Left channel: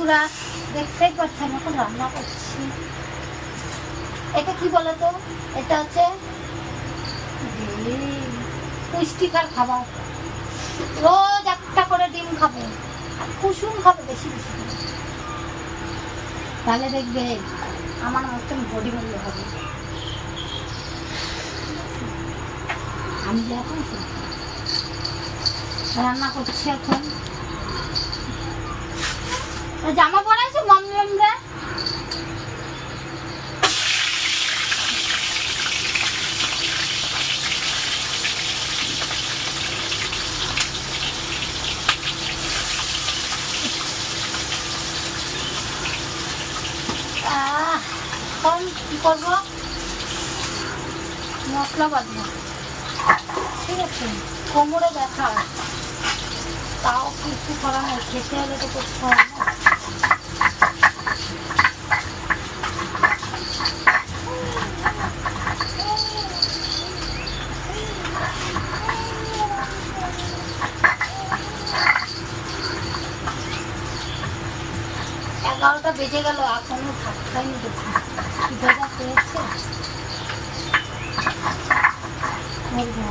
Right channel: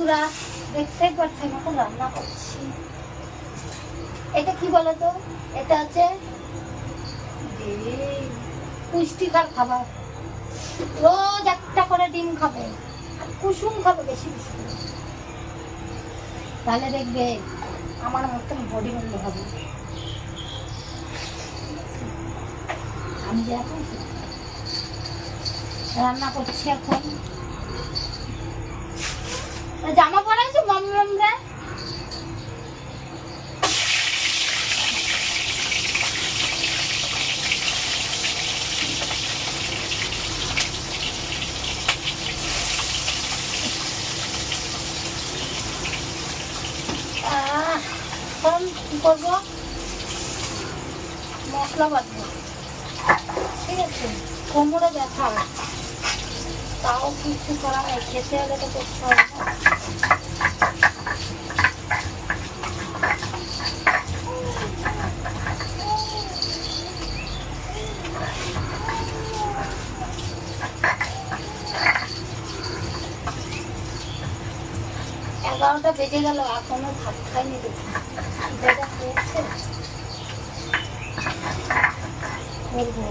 বন্ধুরা দেখতেই পাচ্ছেন এখন রান্না করছি। এটা কি বলতো, এটা হচ্ছে পুষ্টিকর খাবার। রোজ একটা করে ডিম খাবে আর কুসুম খাবে বেশি বেশি করে, তাহলে দেখবে আমার মতন বডি বন্ধ হবে। আমি যে এখন রান্না করছি, এখন জামা পরাইছো মামরা। এখন কি করবো, মশলা বাটবো। ঠিক আছে, কোমরে ব্যথা, তাও কিছু করা নেই, খেতে হলে তো করতে হবে না। 11টা বেজে গেল, এখনো ভাত খাইনি। দেখুন খিদেটা পেয়েছে, করবো।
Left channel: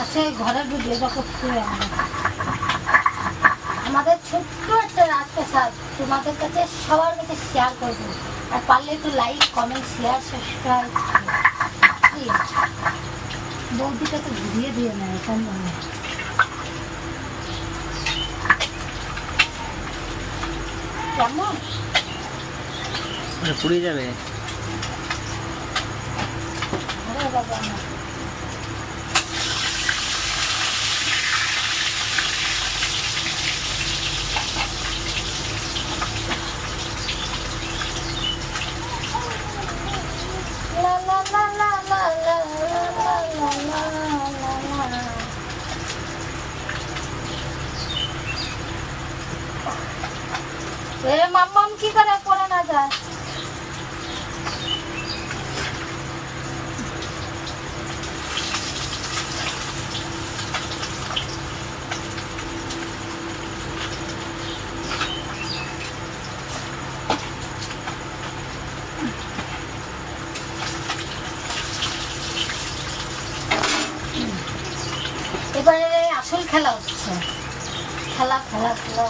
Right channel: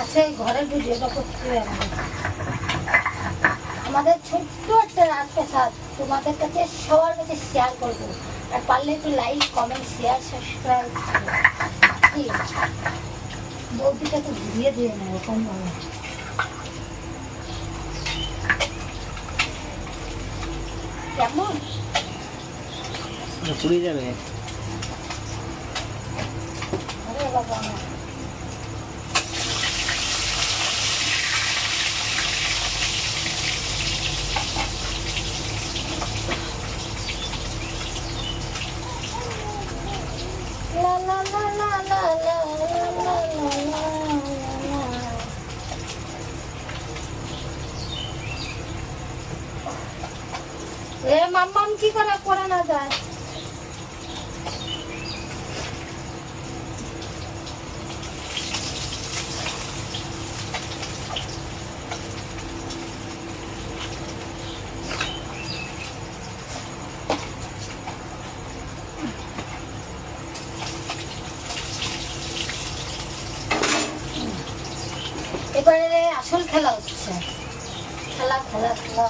আচ্ছা, ঘরের বুঝিয়ে বা করতে আমাদের ছোট্ট একটা রাজপ্রাসাদ তোমাদের কাছে সবার কাছে শেয়ার করবো। আর পারলে একটু লাইক, কমেন্ট, শেয়ার, সাবস্ক্রাইব। বৌদিটা তো ঘুরিয়ে দিয়ে না এরকম ভাবে। কেমন পুড়ে যাবে। আরে বাবা না, মাম্মাম কি করে পড়ে না যায়। এবারে আসল খেলা হচ্ছে, খেলা খেলা খেলা।